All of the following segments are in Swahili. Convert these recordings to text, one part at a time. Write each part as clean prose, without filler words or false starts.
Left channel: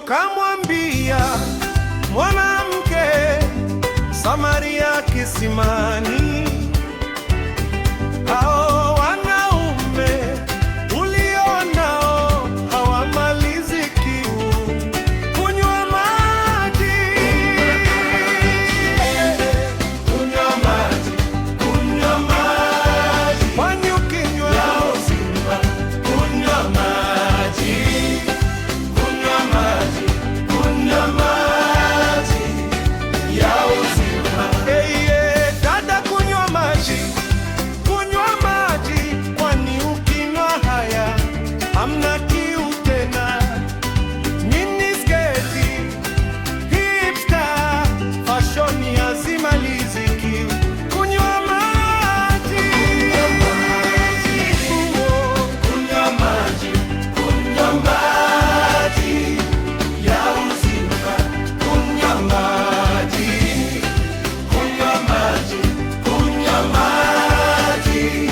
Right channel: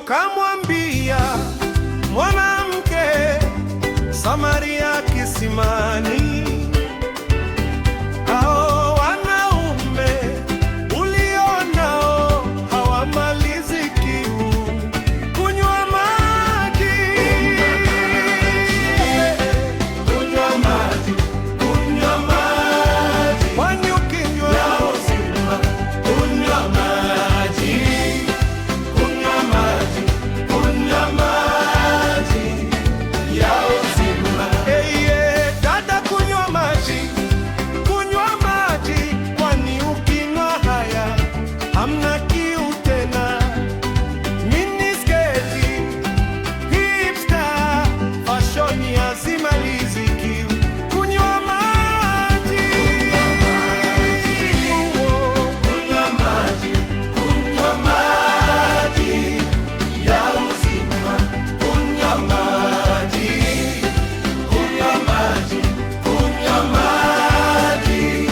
Kamwambia mwanamke Samaria kisimani, hao wanaume ulionao hawamalizi kiu kunywa maji. Kunywa maji, kunywa maji, kwani ukinywa uzima. Kunywa maji, kunywa maji, kunywa maji ya uzima. Dada, kunywa maji, kunywa maji, kwani ukinywa haya hamna kiu tena. Minisketi, hipster, fashion hazimalizi kiu. Kunywa maji, kunywa maji, kunywa maji ya uzima. Kunywa maji, kunywa maji, kunywa maji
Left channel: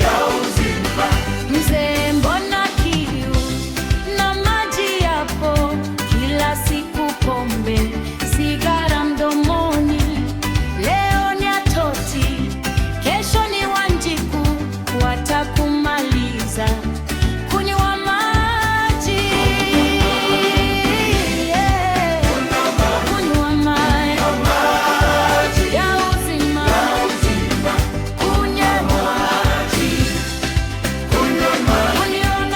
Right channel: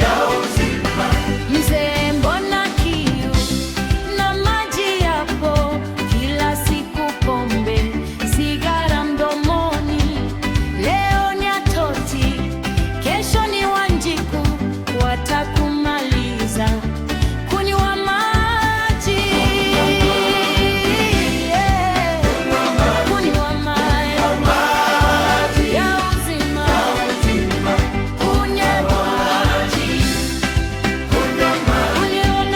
ya uzima. Mzee, mbona kiu na maji yapo kila siku? Pombe, sigara mdomoni, leo ni atoti, kesho ni Wanjiku, watakumaliza. Kunywa maji, kunywa maji ya uzima. Kunywa maji, kunywa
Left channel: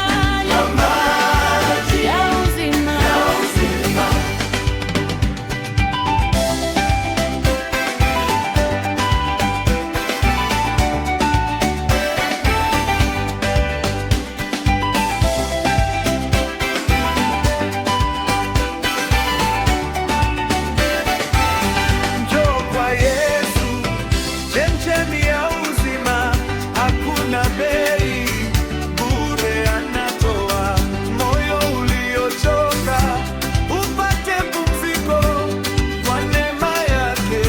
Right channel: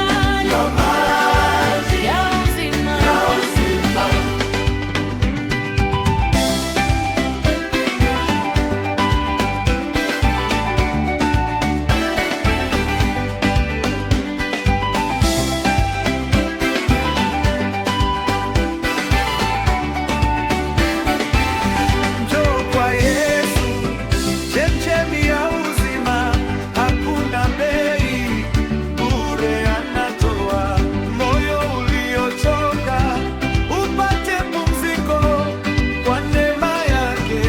maji ya uzima. Njoo kwa Yesu, chemchemi ya uzima, hakuna bei, bure anatoa. Moyo uliochoka upate pumziko, kwa neema yake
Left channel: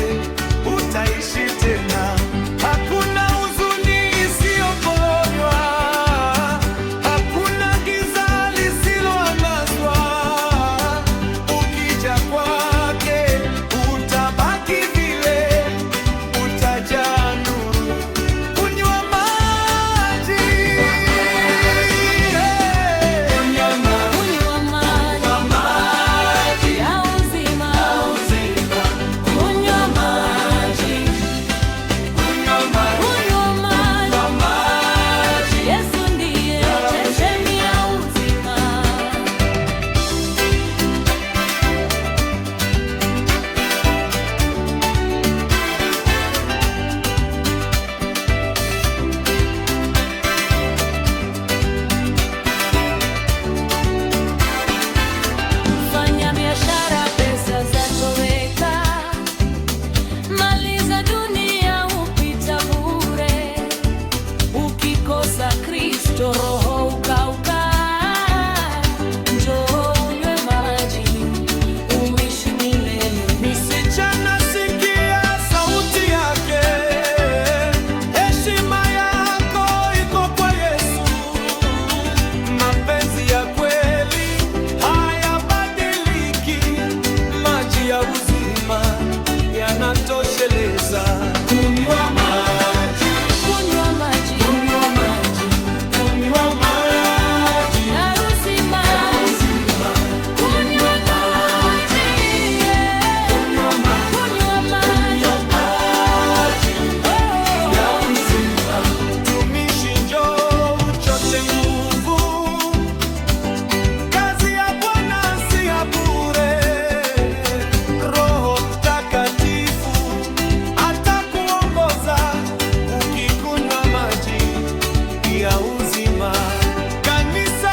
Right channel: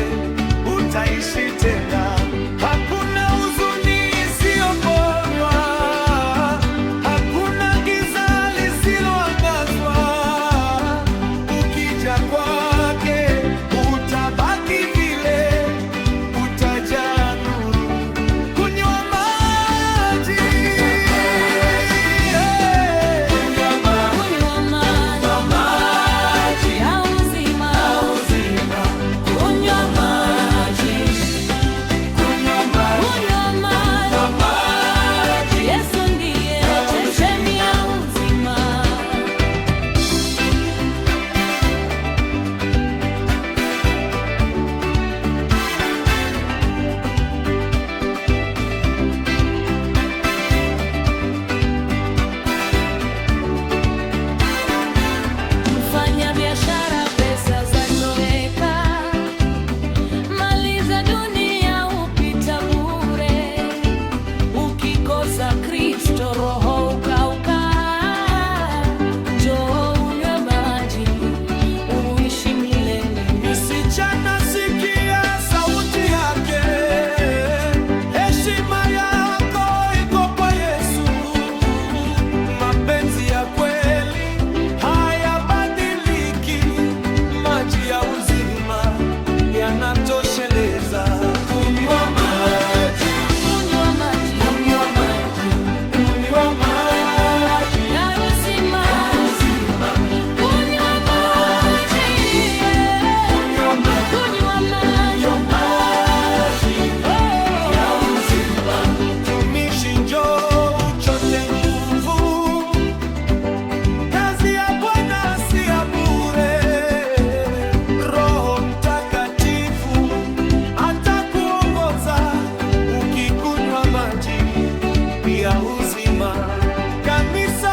utaishi tena. Hakuna huzuni isiyoponywa, hakuna giza lisiloangazwa. Ukija kwake utabaki vile, utajaa nuru. Kunywa maji, Kunywa maji ya uzima. Kunywa maji, kunywa maji. Yesu ndiye chemchemi ya uzima. Mfanya biashara, pesa zatoweka, mali za dunia hupita bure. Ukikosa Kristo, roho ukauka. Njoo unywe maji, uishi milele. msichana, sikia sauti yake. Heshima yako iko kwa Yesu. Mapenzi ya kweli hayabadiliki, maji ya uzima yanatosheleza. Kunywa maji, Kunywa maji, kunywa maji, kunywa maji na uzima. Kunywa maji, kunywa maji, kunywa maji. ya uzima. Tumishi, njoo uchote nguvu, kazi ya Bwana si ya bure. Roho Mtakatifu atakuongoza ukikunywa maji ya uzima. Kanisa